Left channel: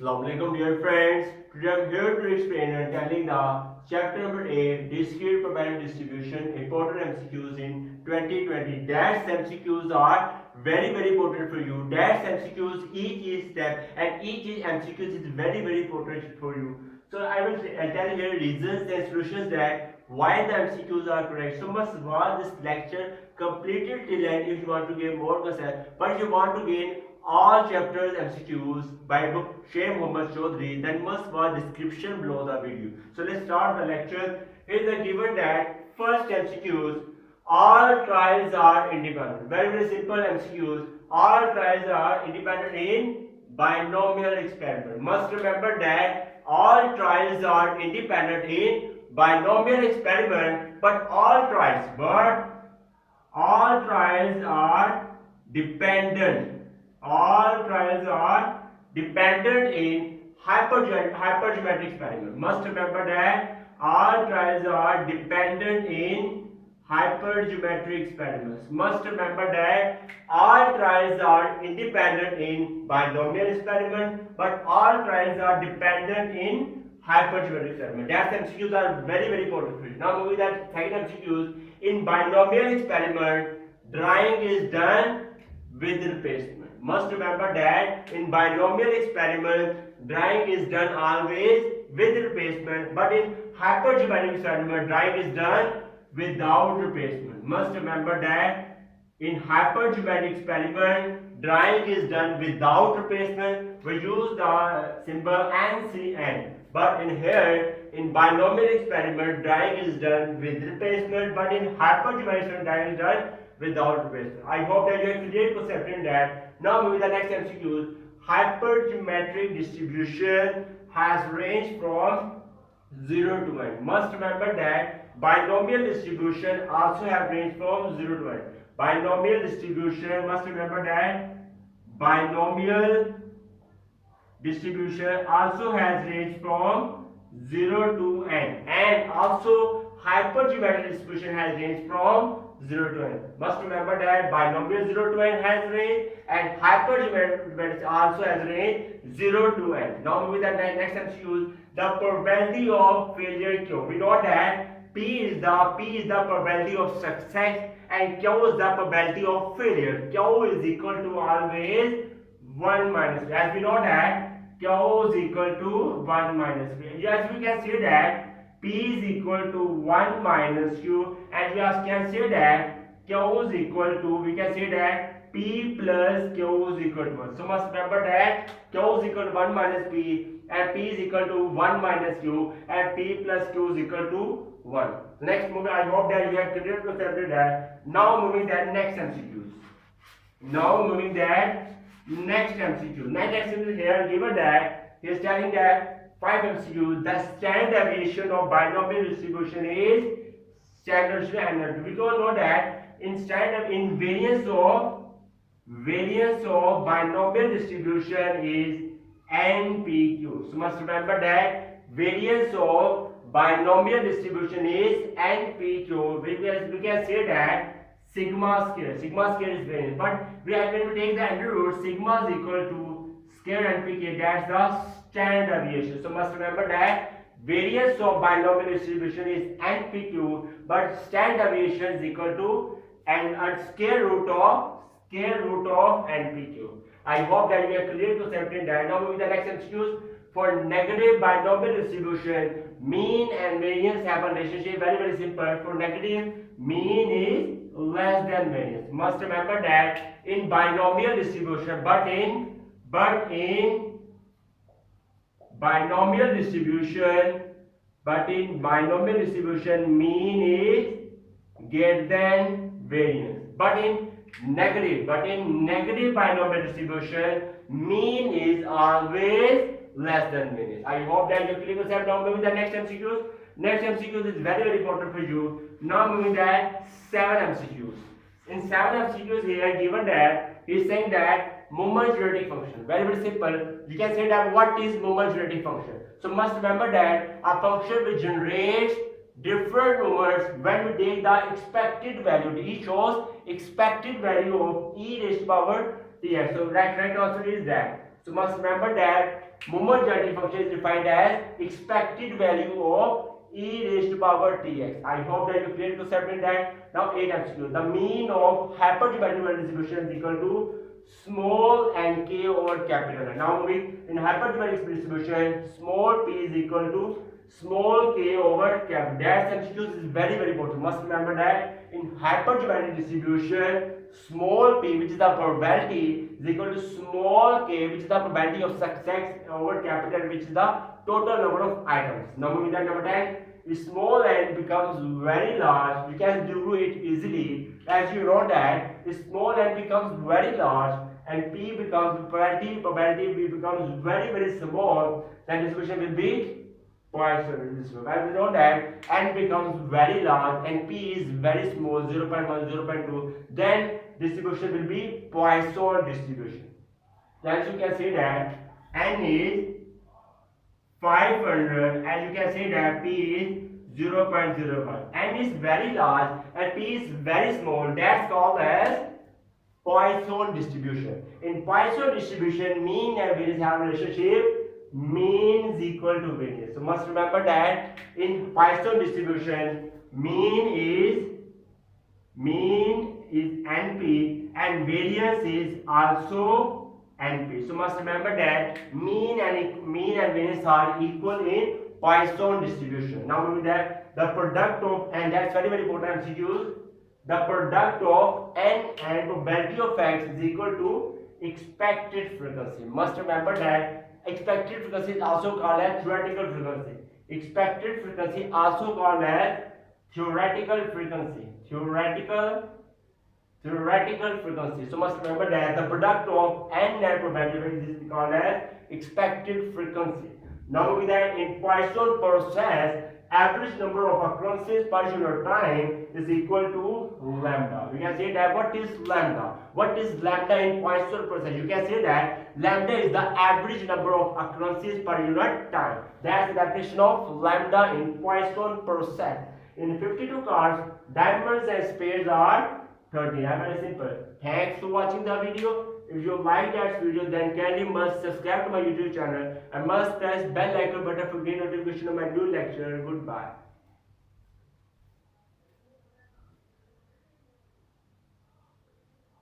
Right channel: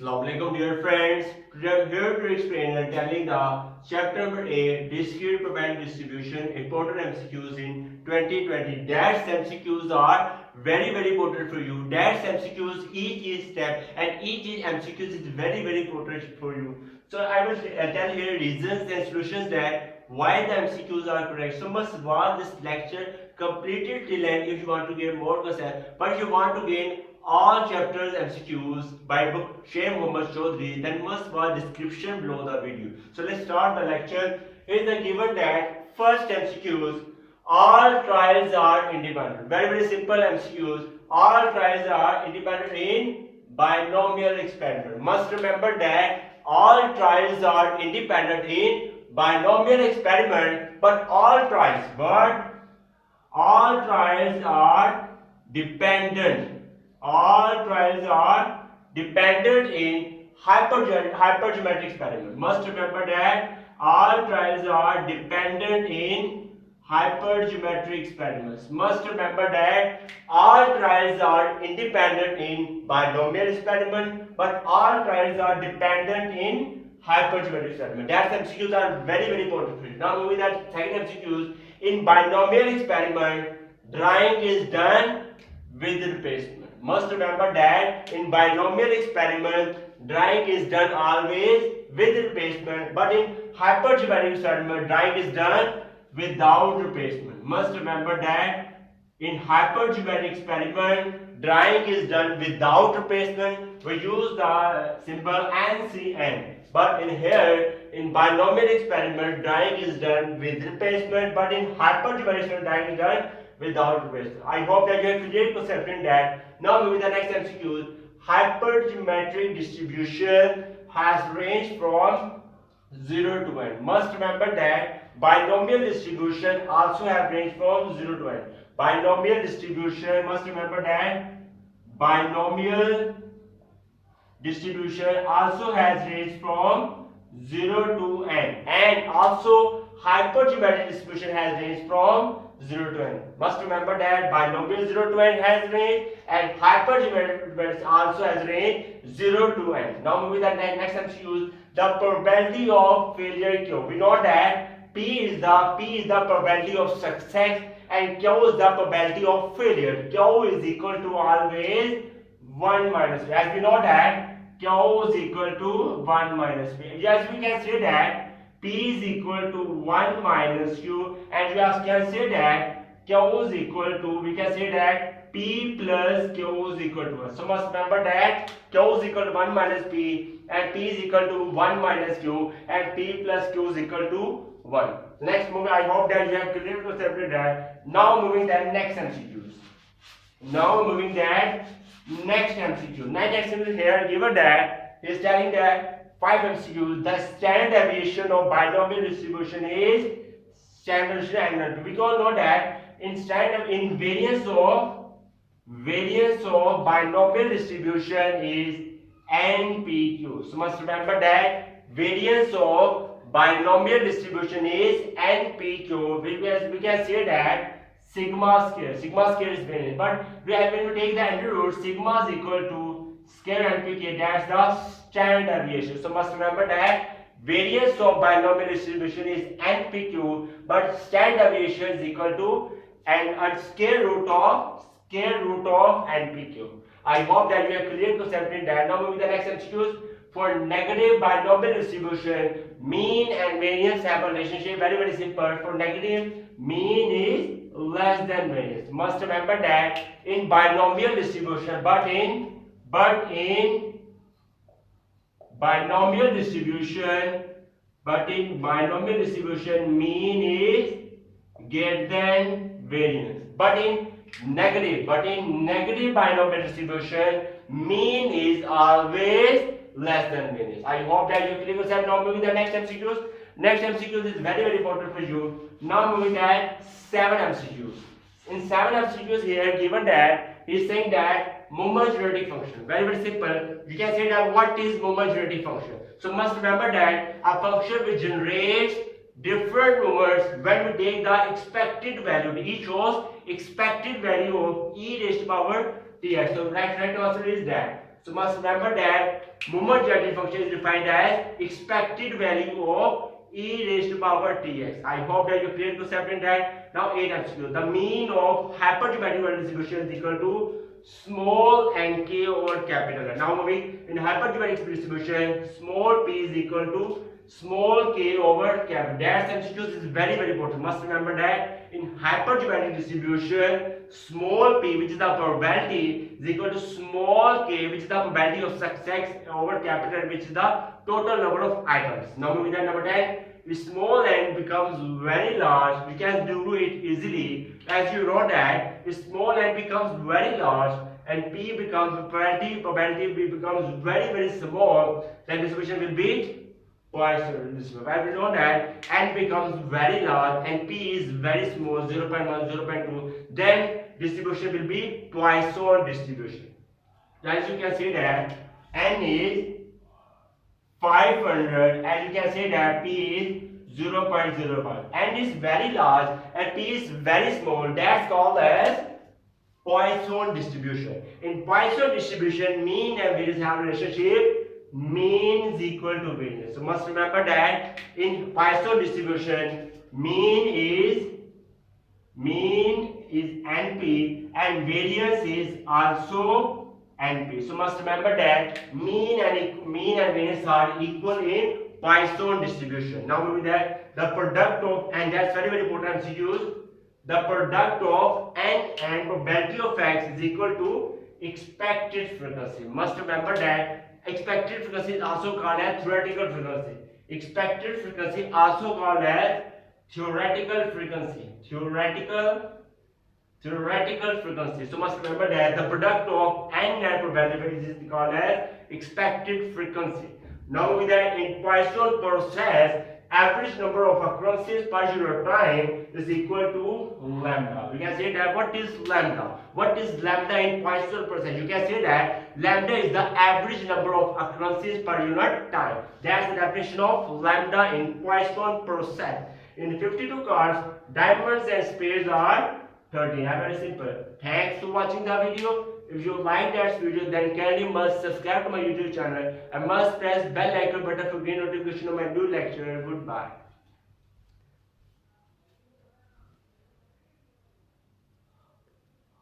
Assalamualaikum dear friends. Today I'm here to explain and telling the chapter number 8 discrete probability distribution important MCQs in 2020. Dash MCQs are very important for you. Dash MCQs each step and each MCQs is very important for you. So I will tell here reasons and solutions that why the MCQs are correct. So must watch this lecture completed till end if you want to gain more concept. But if you want to gain all chapters MCQs by book Sheikh Muhammad Chaudhry, then must watch description below the video. So let's start the lecture. Here is the given that first MCQs, all trials are independent. Very simple MCQs. All trials are independent in binomial experiment. Must remember that all trials are independent in binomial experiment, but all trials are dependent. All trials are dependent in hypergeometric experiment. Must remember that all trials are dependent in hypergeometric experiments. Must remember that all trials are independent in binomial experiment, but all trials are dependent in hypergeometric experiment. That MCQs are very important for you. Now moving that second MCQs, in binomial experiment, drawing is done with replacement. Must remember that in binomial experiment, drawing is done always with replacement, but in hypergeometric experiment, drawing is done without replacement. Must remember that in hypergeometric experiment, drawing is done without replacement. We use the symbol NCN. But in here, in binomial experiment, drawing is done with replacement, but in hypergeometric experiment, drawing is done without replacement. I hope that you have clear concept in that. Now moving to the next MCQ. Hypergeometric distribution has range from 0 to 1. Must remember that binomial distribution also have range from 0 to 1. Binomial distribution, must remember that binomial distribution also has range from 0 to n, and also hypergeometric distribution has range from 0 to n. Must remember that binomial 0 to n has range and hypergeometric also has range 0 to n. Now moving to the next MCQ, the probability of failure Q. We know that P is the probability of success and Q is the probability of failure. Q is equal to always 1 minus P. As we know that Q is equal to 1 minus P. Yes, we can say that P is equal to 1 minus Q, and we also can say that Q is equal to, we can say that P plus Q is equal to 1. So must remember that Q is equal to 1 minus P and P is equal to 1 minus Q and P plus Q is equal to 1. Next moving, I hope that you have clear to separate that. Now moving that next MCQs. Now moving that next MCQ. Next MCQ here given that is telling that 5 MCQs, the standard deviation of binomial distribution is standard deviation. We all know that in variance of binomial distribution is NPQ. So must remember that variance of binomial distribution is NPQ. We can say that sigma square is variance, but we are going to take the under root. Sigma is equal to square NPK. That's the standard deviation. So must remember that variance of binomial distribution is NPQ, but standard deviation is equal to square root of NPQ. I hope that you are clear concept in that. Now moving to the next MCQs. For negative binomial distribution, mean and variance have a relationship. Very simple. For negative, mean is less than variance. Must remember that in binomial distribution, but in binomial distribution, mean is greater than variance. But in negative binomial distribution, mean is always less than variance. I hope that you clear yourself. Now moving to the next MCQs. Next MCQs is very important for you. Now moving that 7 MCQs. In 7 MCQs here given that he is saying that moment genetic function. Very simple. You can say that what is moment genetic function. So must remember that a function which generates different moments when we take the expected value. It shows expected value of e raised to power dx. So right answer is that So must remember that moment generating function is defined as expected value of e raised to power tx. I hope that you clear concept in that. Now 8 MCQ. The mean of hypergeometric distribution is equal to small n k over capital N. Now moving in hypergeometric distribution, small p is equal to small k over capital. That MCQ is very important. Must remember that in hypergeometric distribution, small p, which is the probability, is equal to small k, which is the probability of success over capital, which is the total number of items. Now moving to number 10. If small n becomes very large, we can do it easily. As you know that if small n becomes very large and p becomes probability p becomes very small, then distribution will be Poisson distribution. Why we know that n becomes very large and p is very small, 0.1, 0.2, then distribution will be Poisson distribution. As you can see that n is 500, and you can say that p is 0.01. n is very large and p is very small. That's called as Poisson distribution. In Poisson distribution, mean and variance have a relationship. Mean is equal to variance. So must remember that in Poisson distribution, mean is NP and variance is also NP. So must remember that mean and variance are equal in Poisson distribution. Now moving that the product of, and that's very important MCQs. The product of n and probability of x is equal to expected frequency. Must remember that expected frequency is also called as theoretical frequency. Expected frequency also called as theoretical frequency. Theoretical frequency. So must remember that the product of n and probability is called as expected frequency. Now with that, in Poisson process, average number of occurrences per unit time is equal to lambda. We can say that what is lambda? What is lambda in Poisson process? You can say that lambda is the average number of occurrences per unit time. That's the definition of lambda in Poisson process. In 52 cards, diamonds and spades are 13. Very simple. Thanks for watching the video. If you like that video, then kindly must subscribe to my YouTube channel and must press bell icon button for getting notification of my new lecture. Goodbye.